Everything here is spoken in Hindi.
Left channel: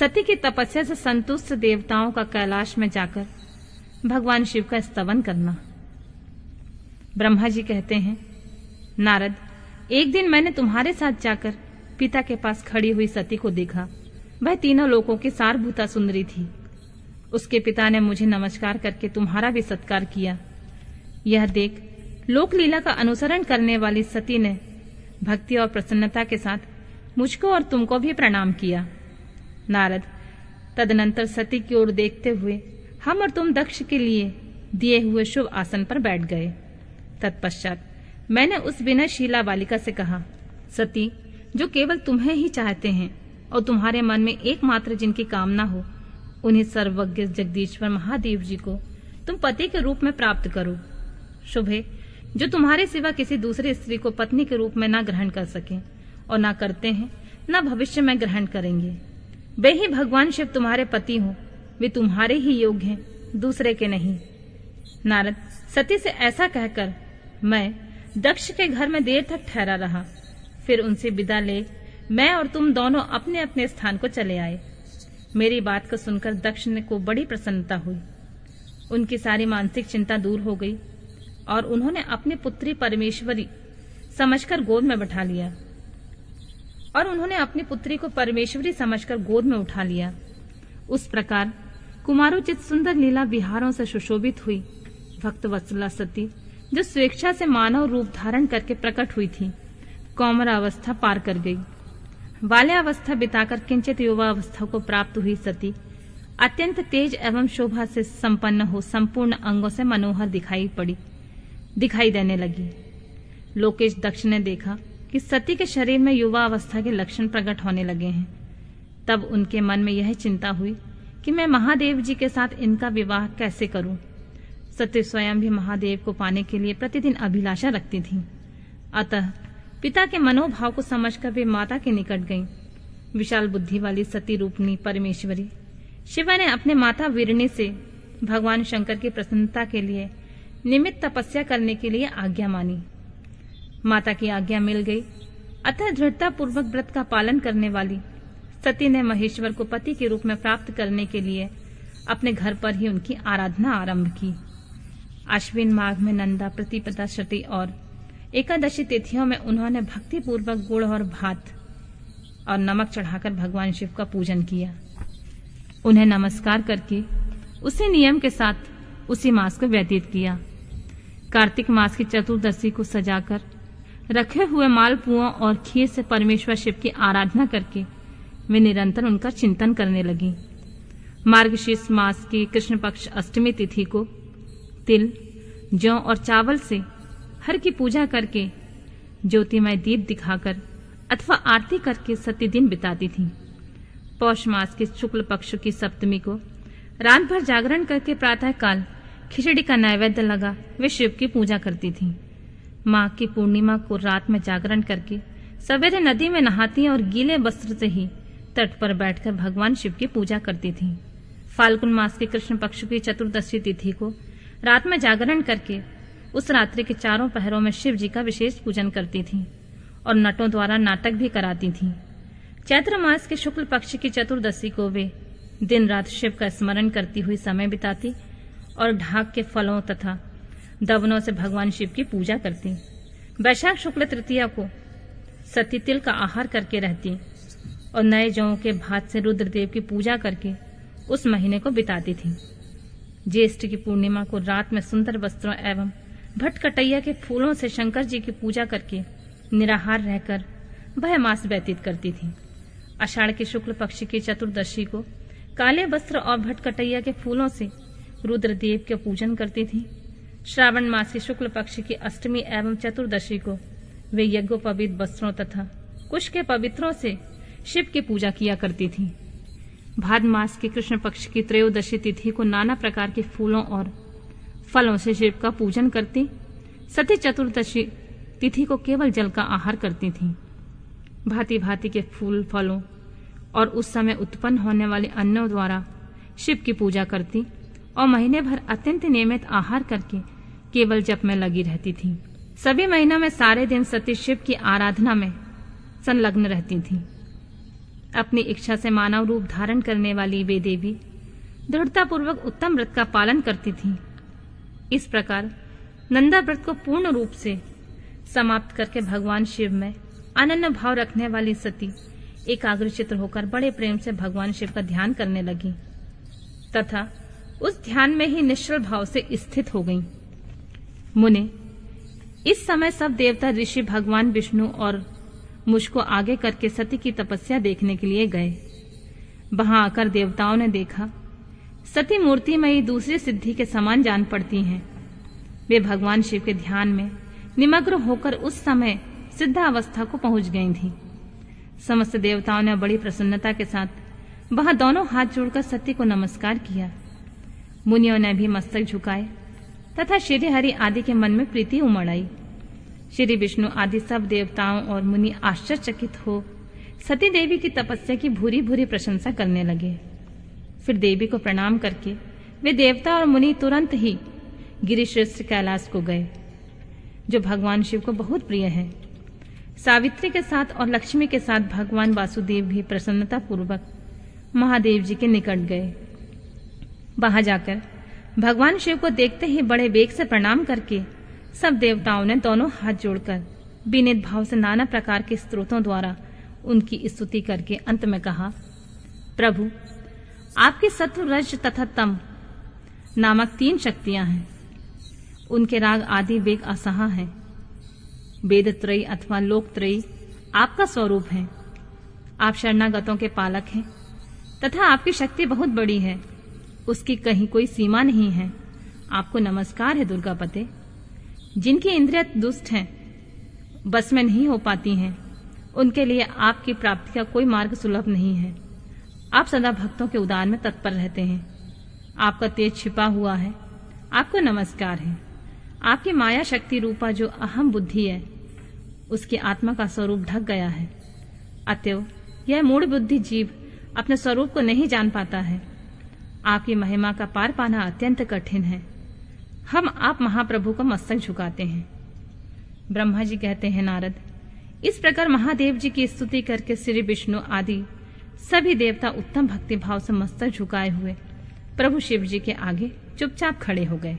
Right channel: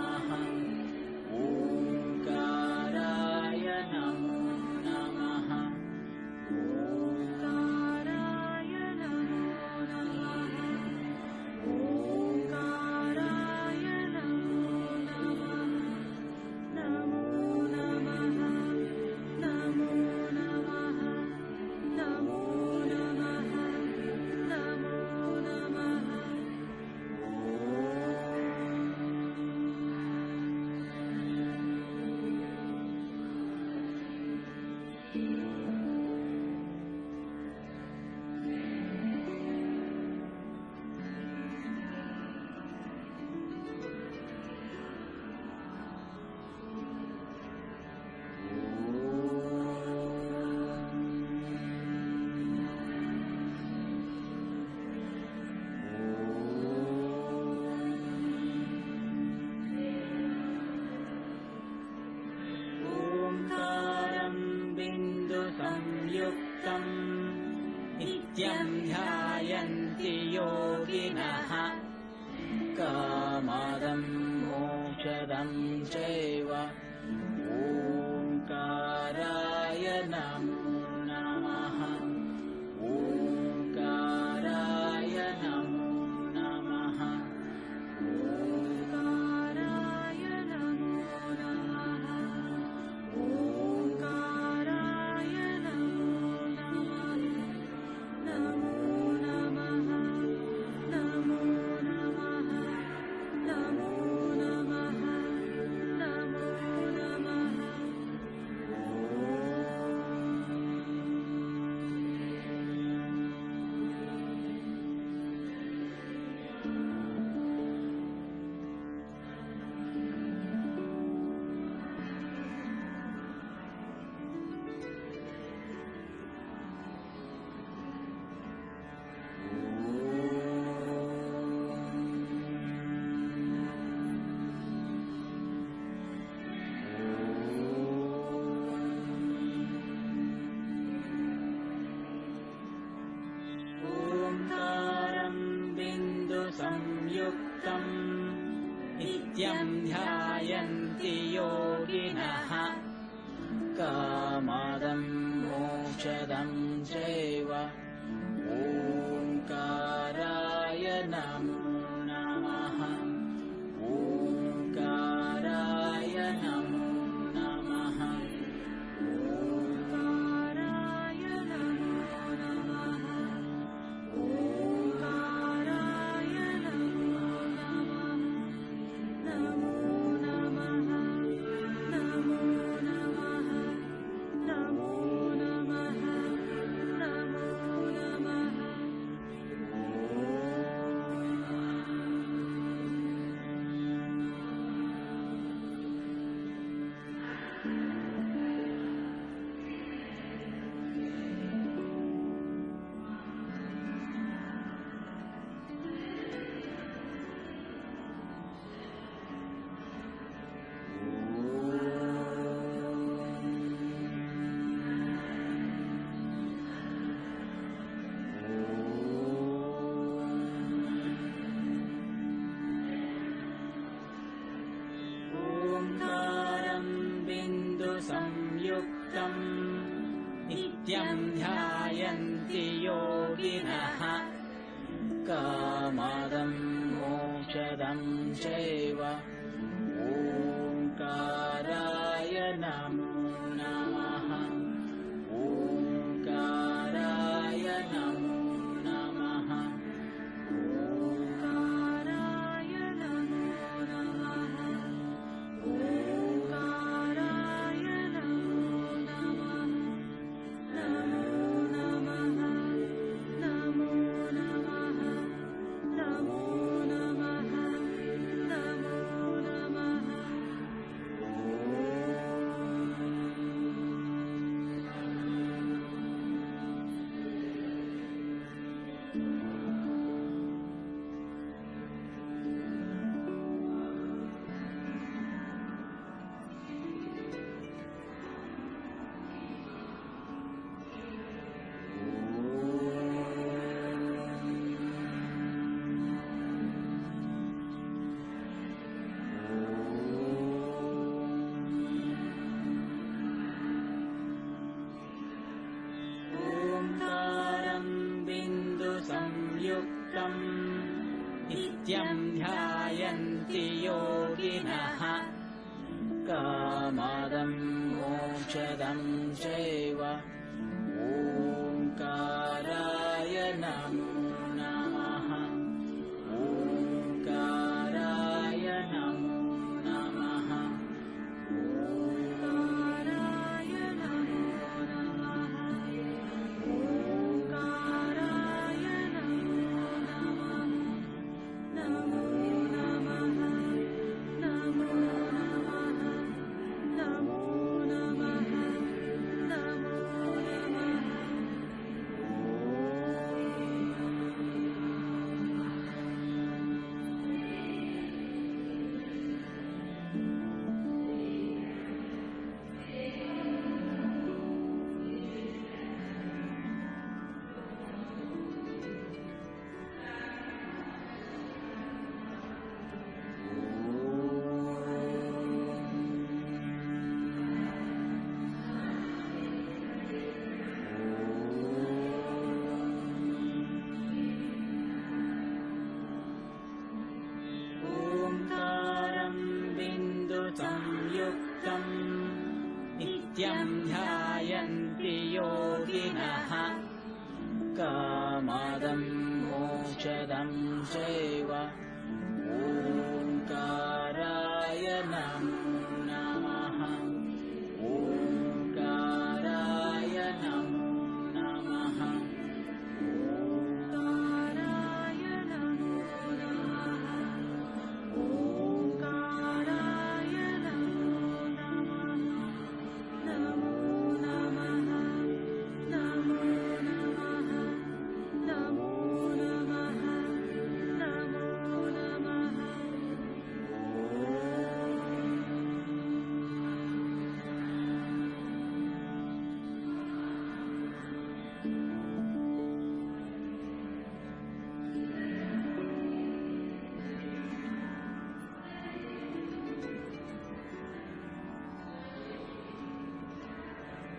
सती की तपस्या से संतुष्ट देवताओं का कैलाश में जाकर भगवान शिव का स्तवन करना। ब्रह्मा जी कहते हैं, नारद, एक दिन मैंने तुम्हारे साथ जाकर पिता के पास खड़ी हुई सती को देखा। वह तीनों लोकों की सारभूता सुंदरी थी। उसके पिता ने मुझे नमस्कार करके तुम्हारा भी सत्कार किया। यह देख लोक लीला का अनुसरण करने वाली सती ने भक्ति और प्रसन्नता के साथ मुझको और तुमको भी प्रणाम किया। नारद, तदनंतर सती की ओर देखते हुए हम और तुम दक्ष के लिए दिए हुए शुभ आसन पर बैठ गए। तत्पश्चात मैंने उस विनयशीला बालिका से कहा, सती, जो केवल तुम्हें ही चाहते हैं और तुम्हारे मन में एकमात्र जिनकी कामना हो, उन्हें सर्वज्ञ जगदीश्वर महादेव जी को तुम पति के रूप में प्राप्त करो। शुभ है जो तुम्हारे सिवा किसी दूसरे स्त्री को पत्नी के रूप में न ग्रहण कर सके और न करते हैं, न भविष्य में ग्रहण करेंगे। वे ही भगवान शिव तुम्हारे पति हो, वे तुम्हारे ही योग्य हैं, दूसरे के नहीं। नारद, सती से ऐसा कहकर मैं दक्ष के घर में देर तक ठहरा रहा। फिर उनसे विदा ले मैं और तुम दोनों अपने अपने स्थान को चले आए। मेरी बात को सुनकर दक्ष को बड़ी प्रसन्नता हुई। उनकी सारी मानसिक चिंता दूर हो गई और उन्होंने अपनी पुत्री परमेश्वरी समझकर गोद में गोद में उठा लिया। उस प्रकार कुमारोचित सुंदर लीला विहारों से सुशोभित हुई भक्त वत्सला सती, जो स्वेच्छा से मानव रूप धारण करके प्रकट हुई थी, कौमारावस्था पार कर गई। बाल्यावस्था बिताकर किंचित युवावस्था को प्राप्त हुई सती अत्यंत तेज एवं शोभा से संपन्न हो संपूर्ण अंगों से मनोहर दिखाई देने लगी। लोकेश दक्ष ने देखा कि सती के शरीर में युवा अवस्था के लक्षण प्रकट होने लगे हैं। तब उनके मन में यह चिंता हुई कि मैं महादेव जी के साथ इनका विवाह कैसे करूं। सती स्वयं भी महादेव को पाने के लिए प्रतिदिन अभिलाषा रखती थी। अतः पिता के मनोभाव को समझकर वे माता के निकट गईं। विशाल बुद्धि वाली सती रूपनी परमेश्वरी शिवा ने अपने माता वीरणी से भगवान शंकर की प्रसन्नता के लिए निमित्त तपस्या करने के लिए आज्ञा मानी। माता की आज्ञा मिल गई। अतः दृढ़ता पूर्वक व्रत का पालन करने वाली सती ने महेश्वर को पति के रूप में प्राप्त करने के लिए अपने घर पर ही उनकी आराधना आरंभ की। आश्विन माघ में नंदा, प्रतिपदा, शती और एकादशी तिथियों में उन्होंने भक्ति पूर्वक गुड़ और भात और नमक चढ़ाकर भगवान शिव का पूजन किया। उन्हें नमस्कार करके उसी नियम के साथ उसी मास को व्यतीत किया। कार्तिक मास की चतुर्दशी को सजाकर रखे हुए मालपुओं और खीर से परमेश्वर शिव की आराधना करके वे निरंतर उनका चिंतन करने लगी। मार्गशीर्ष मास की कृष्ण पक्ष अष्टमी तिथि को तिल, जौ और चावल से हर की पूजा करके ज्योतिमय दीप दिखाकर अथवा आरती करके सती दिन बिताती थी। पौष मास के शुक्ल पक्ष की सप्तमी को रात भर जागरण करके प्रातः काल खिचड़ी का नैवेद्य लगा वे शिव की पूजा करती थी। माघ की पूर्णिमा को रात में जागरण करके सवेरे नदी में नहाती और गीले वस्त्र से ही तट पर बैठकर भगवान शिव की पूजा करती थी। फाल्गुन मास के कृष्ण पक्ष की चतुर्दशी तिथि को रात में जागरण करके उस रात्रि के चारों पहरों में शिव जी का विशेष पूजन करती थी और नटों द्वारा नाटक भी कराती थी। चैत्र मास के शुक्ल पक्ष की चतुर्दशी को वे दिन रात शिव का स्मरण करती हुई समय बिताती और ढाक के फलों तथा दवनों से भगवान शिव की पूजा करती। वैशाख शुक्ल तृतीया को सती तिल का आहार करके रहती और नए जौ के भात से रुद्रदेव की पूजा करके उस महीने को बिताती थी। ज्येष्ठ की पूर्णिमा को रात में सुंदर वस्त्रों एवं भटकटैया के फूलों से शंकर जी की पूजा करके निराहार रहकर वह मास व्यतीत करती थी। आषाढ़ के शुक्ल पक्ष की चतुर्दशी को काले वस्त्र और भटकटैया के फूलों से रुद्रदेव के पूजन करती थी। श्रावण मास के शुक्ल पक्ष की अष्टमी एवं चतुर्दशी को वे यज्ञोपवीत वस्त्रों तथा कुश के पवित्रों से शिव की पूजा किया करती थी। भाद्र मास के कृष्ण पक्ष की त्रयोदशी तिथि को नाना प्रकार के फूलों और फलों से शिव का पूजन करती। सती चतुर्दशी तिथि को केवल जल का आहार करती थी। भांति भांति के फूल, फलों और उस समय उत्पन्न होने वाले अन्नों द्वारा शिव की पूजा करती और महीने भर अत्यंत नियमित आहार करके केवल जप में लगी रहती थी। सभी महीनों में सारे दिन सती शिव की आराधना में संलग्न रहती थी। अपनी इच्छा से मानव रूप धारण करने वाली वे देवी दृढ़ता पूर्वक उत्तम व्रत का पालन करती थीं। इस प्रकार नंदा व्रत को पूर्ण रूप से समाप्त करके भगवान शिव में अनन्य भाव रखने वाली सती एकाग्रचित्त होकर बड़े प्रेम से भगवान शिव का ध्यान करने लगी तथा उस ध्यान में ही निश्चल भाव से स्थित हो गई। मुने, इस समय सब देवता ऋषि भगवान विष्णु और मुझको आगे करके सती की तपस्या देखने के लिए गए। वहां आकर देवताओं ने देखा सती मूर्तिमयी दूसरी सिद्धि के समान जान पड़ती हैं। वे भगवान शिव के ध्यान में निमग्न होकर उस समय सिद्धावस्था को पहुंच गई थी। समस्त देवताओं ने बड़ी प्रसन्नता के साथ वहां दोनों हाथ जोड़कर सती को नमस्कार किया। मुनियों ने भी मस्तक झुकाए तथा श्री हरि आदि के मन में प्रीति उमड़ आई। श्री विष्णु आदि सब देवताओं और मुनि आश्चर्यचकित हो सती देवी की तपस्या की भूरी भूरी प्रशंसा करने लगे। फिर देवी को प्रणाम करके वे देवता और मुनि तुरंत ही गिरिश्रेष्ठ कैलाश को गए, जो भगवान शिव को बहुत प्रिय है। सावित्री के साथ और लक्ष्मी के साथ भगवान वासुदेव भी प्रसन्नता पूर्वक महादेव जी के निकट गए। वहां जाकर भगवान शिव को देखते ही बड़े वेग से प्रणाम करके सब देवताओं ने दोनों हाथ जोड़कर विनीत भाव से नाना प्रकार के स्तोत्रों द्वारा उनकी स्तुति करके अंत में कहा, प्रभु, आपके शत्रु रज तथा तम नामक 3 शक्तियां हैं। उनके राग आदि वेग असहा हैं। वेद त्रयी अथवा लोक त्रयी आपका स्वरूप है। आप शरणागतों के पालक हैं तथा आपकी शक्ति बहुत बड़ी है, उसकी कहीं कोई सीमा नहीं है। आपको नमस्कार है दुर्गापते। जिनकी इंद्रियां दुष्ट हैं, बस में नहीं हो पाती हैं, उनके लिए आपकी प्राप्ति का कोई मार्ग सुलभ नहीं है। आप सदा भक्तों के उदार में तत्पर रहते हैं। आपका तेज छिपा हुआ है। आपको नमस्कार है। आपकी माया शक्ति रूपा जो अहम बुद्धि है, उसकी आत्मा का स्वरूप ढक गया है। अतएव यह मूढ़ बुद्धि जीव अपने स्वरूप को नहीं जान पाता है। आपकी महिमा का पार पाना अत्यंत कठिन है। हम आप महाप्रभु को मस्तक झुकाते हैं। ब्रह्मा जी कहते हैं, नारद, इस प्रकार महादेव जी की स्तुति करके श्री विष्णु आदि सभी देवता उत्तम भक्ति भाव से मस्तक झुकाए हुए प्रभु शिव जी के आगे चुपचाप खड़े हो गए।